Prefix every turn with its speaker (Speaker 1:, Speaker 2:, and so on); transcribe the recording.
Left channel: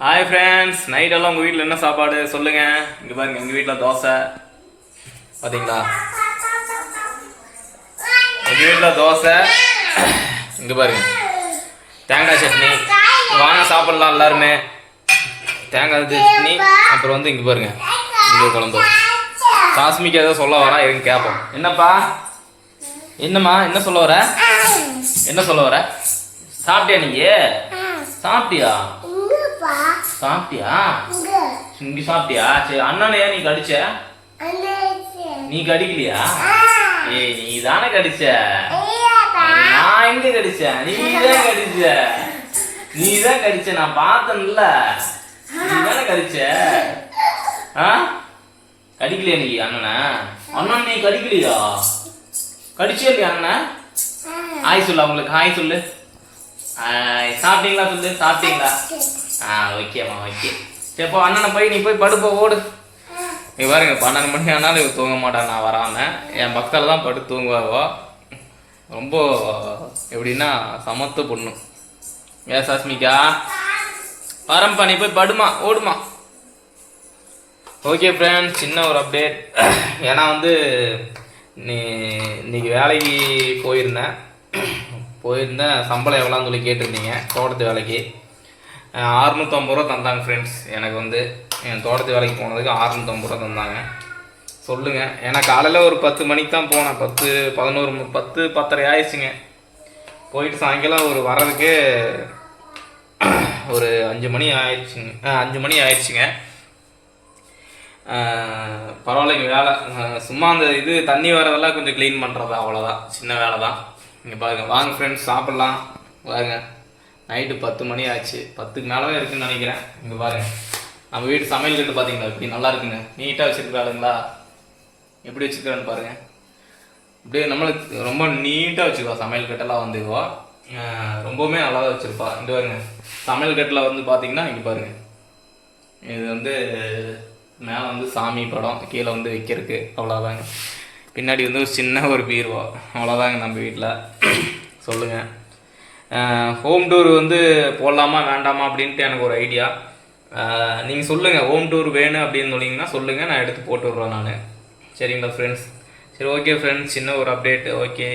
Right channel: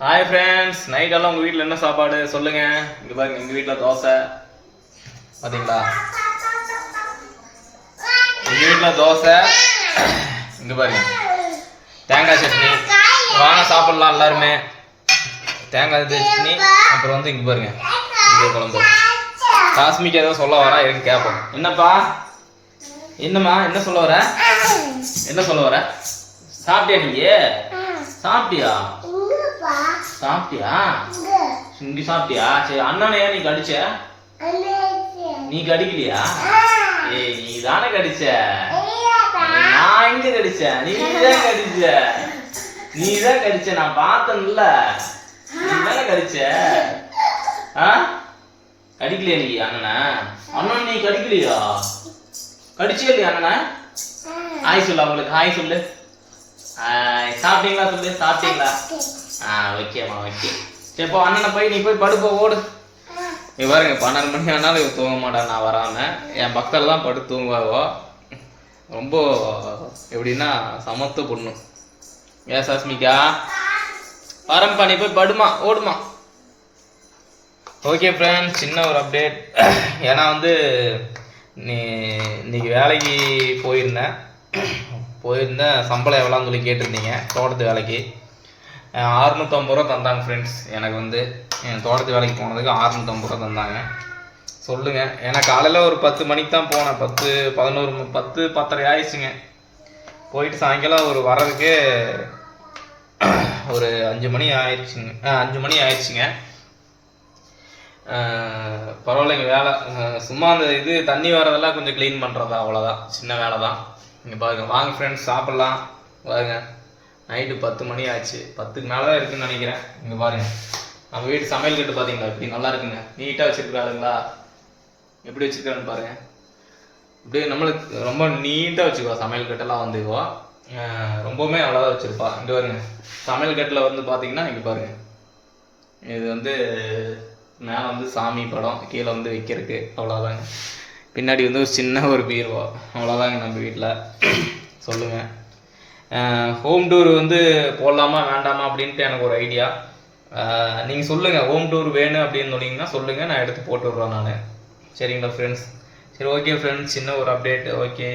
Speaker 1: Hi friends நைட்டெல்லாம் உங்கள் வீட்டில் என்ன சாப்பாடு? சொல்லுங்கள் இங்கே பாருங்க எங்கள் வீட்டில் தோசை. பார்த்தீங்களா எங்கள் வீட்டில் தோசை. இங்கே பாருங்க. தேங்காய் சட்னி. வாங்க சாப்பிட்லாம் எல்லாருமே. தேங்காய் சட்னி அப்புறம் வந்து இங்கே பாருங்க. இங்கே குழம்பு. காஸ்மிக்கு ஏதோ சொல்ல வரா இருங்க கேட்போம் என்னப்பா? என்னம்மா என்ன சொல்ல வர? என்ன சொல்ல வர? சாப்பிட்டியா நீ சாப்பிட்டியா? சாப்பிட்டியா? இங்க. சாப்பிட்டியா? சரி அண்ணனை ஏன் நீ கடிச்ச? நீ கடிக்கலையா? ஏய் நீ தானே கடிச்ச? நான் எங்க கடிச்சேன் நீ தான் கடிச்ச. நீ தான் கடிச்ச. நான் பார்த்தேன்ல. நீ தானே கடிச்ச? ஆ? கடிக்கலையா நீ அண்ணனை? அண்ணன் நீ கடிக்கலையா? கடிச்சே இல்லையா அண்ணனை? ஹாய் சொல்லு அவங்களுக்கு. ஹாய் சொல்லு. சாப்பிட்டீங்களா சொல்லு? சாப்பிட்டீங்களா? ஆ ஓகேம்மா ஓகே சரி இப்போ அண்ணனை போய் நீ போய் படுப்போ ஓடு. நீ பாருங்க பன்னெண்டு மணி ஆனாலும் இவ தூங்க மாட்டான் நான் வராமல் என் பக்கத்தில் தான் படுத்து தூங்குவாவோ. ரொம்ப எப்படின்னா சமத்து பொண்ணு. ஏ சஸ்மிகா? வரம்பா நீ போய் படுமா ஓடுமா. ஓகே ஃப்ரெண்ட்ஸ் சின்ன ஒரு அப்டேட் ஏன்னா வந்து நீ இன்னைக்கு வேலைக்கு போயிருந்தேன். போயிருந்தேன் சம்பளம் எவ்வளோன்னு சொல்லி கேட்டிருந்தீங்க தோட்டத்து வேலைக்கு. அறுநூற்றம்பது ரூபா தந்தாங்க ஃப்ரெண்ட்ஸ் எனக்கு வந்து என் தோட்டத்து வேலைக்கு போனதுக்கு அறுநூற்றம்பது ரூபா தந்தாங்க. சொல்லுங்கள் ஏன்னா காலையில் ஒரு பத்து மணிக்கு தான் போனேன். பத்து பதினோரு பத்து பத்தரை ஆயிடுச்சுங்க. போயிட்டு சாயங்காலம் ஒரு வர்றதுக்கு ஒரு அஞ்சு மணி ஆயிடுச்சுங்க. ஆ, அஞ்சு மணி ஆயிடுச்சுங்க. பரவாயில்லைங்க வேலை. சும்மா அந்த இது தண்ணி வரதெல்லாம் கொஞ்சம் க்ளீன் பண்ணுறது அவ்வளோதான் சின்ன வேலை தான் இங்கே பாருங்க. வாங்க ஃப்ரெண்ட்ஸ் சாப்பிட்லாம். பாருங்க நைட்டு பத்து மணி ஆச்சு. பத்துக்கு மேலே தான் இருக்குன்னு நினைக்கிறேன். இங்கே பாருங்க. நம்ம வீட்டு சமையல் கட்டு பார்த்தீங்களா இப்படி நல்லா இருக்குங்க. நீட்டாக வச்சுருக்காளுங்களா எப்படி வச்சுருக்கான்னு பாருங்க. இப்படியே நம்மளுக்கு ரொம்ப நீட்டாக வச்சுக்குவா சமையல் கட்டெல்லாம் வந்துக்குவா ரொம்பவுமே நல்லா தான் வச்சுருப்பா. இங்கே பாருங்க. சமையல் கட்டில் வந்து பார்த்தீங்கன்னா இங்கே பாருங்க. இது வந்து மேலே வந்து சாமி படம் கீழே வந்து வைக்கிறதுக்கு. அவ்வளோதாங்க பின்னாடி வந்து ஒரு சின்ன ஒரு பீர்வா. அவ்வளோதாங்க நம்ம வீட்டில் சொல்லுங்கள் ஹோம் டூர் வந்து போடலாமா வேண்டாமா அப்படின்ட்டு எனக்கு ஒரு ஐடியா நீங்கள் சொல்லுங்கள் ஹோம் டூர் வேணும் அப்படின்னு சொன்னீங்கன்னா சொல்லுங்கள் நான் எடுத்து போட்டு விட்றேன் நான். சரிங்களா ஃப்ரெண்ட்ஸ் சரி ஓகே ஃப்ரெண்ட்ஸ் சின்ன ஒரு அப்டேட் ஓகே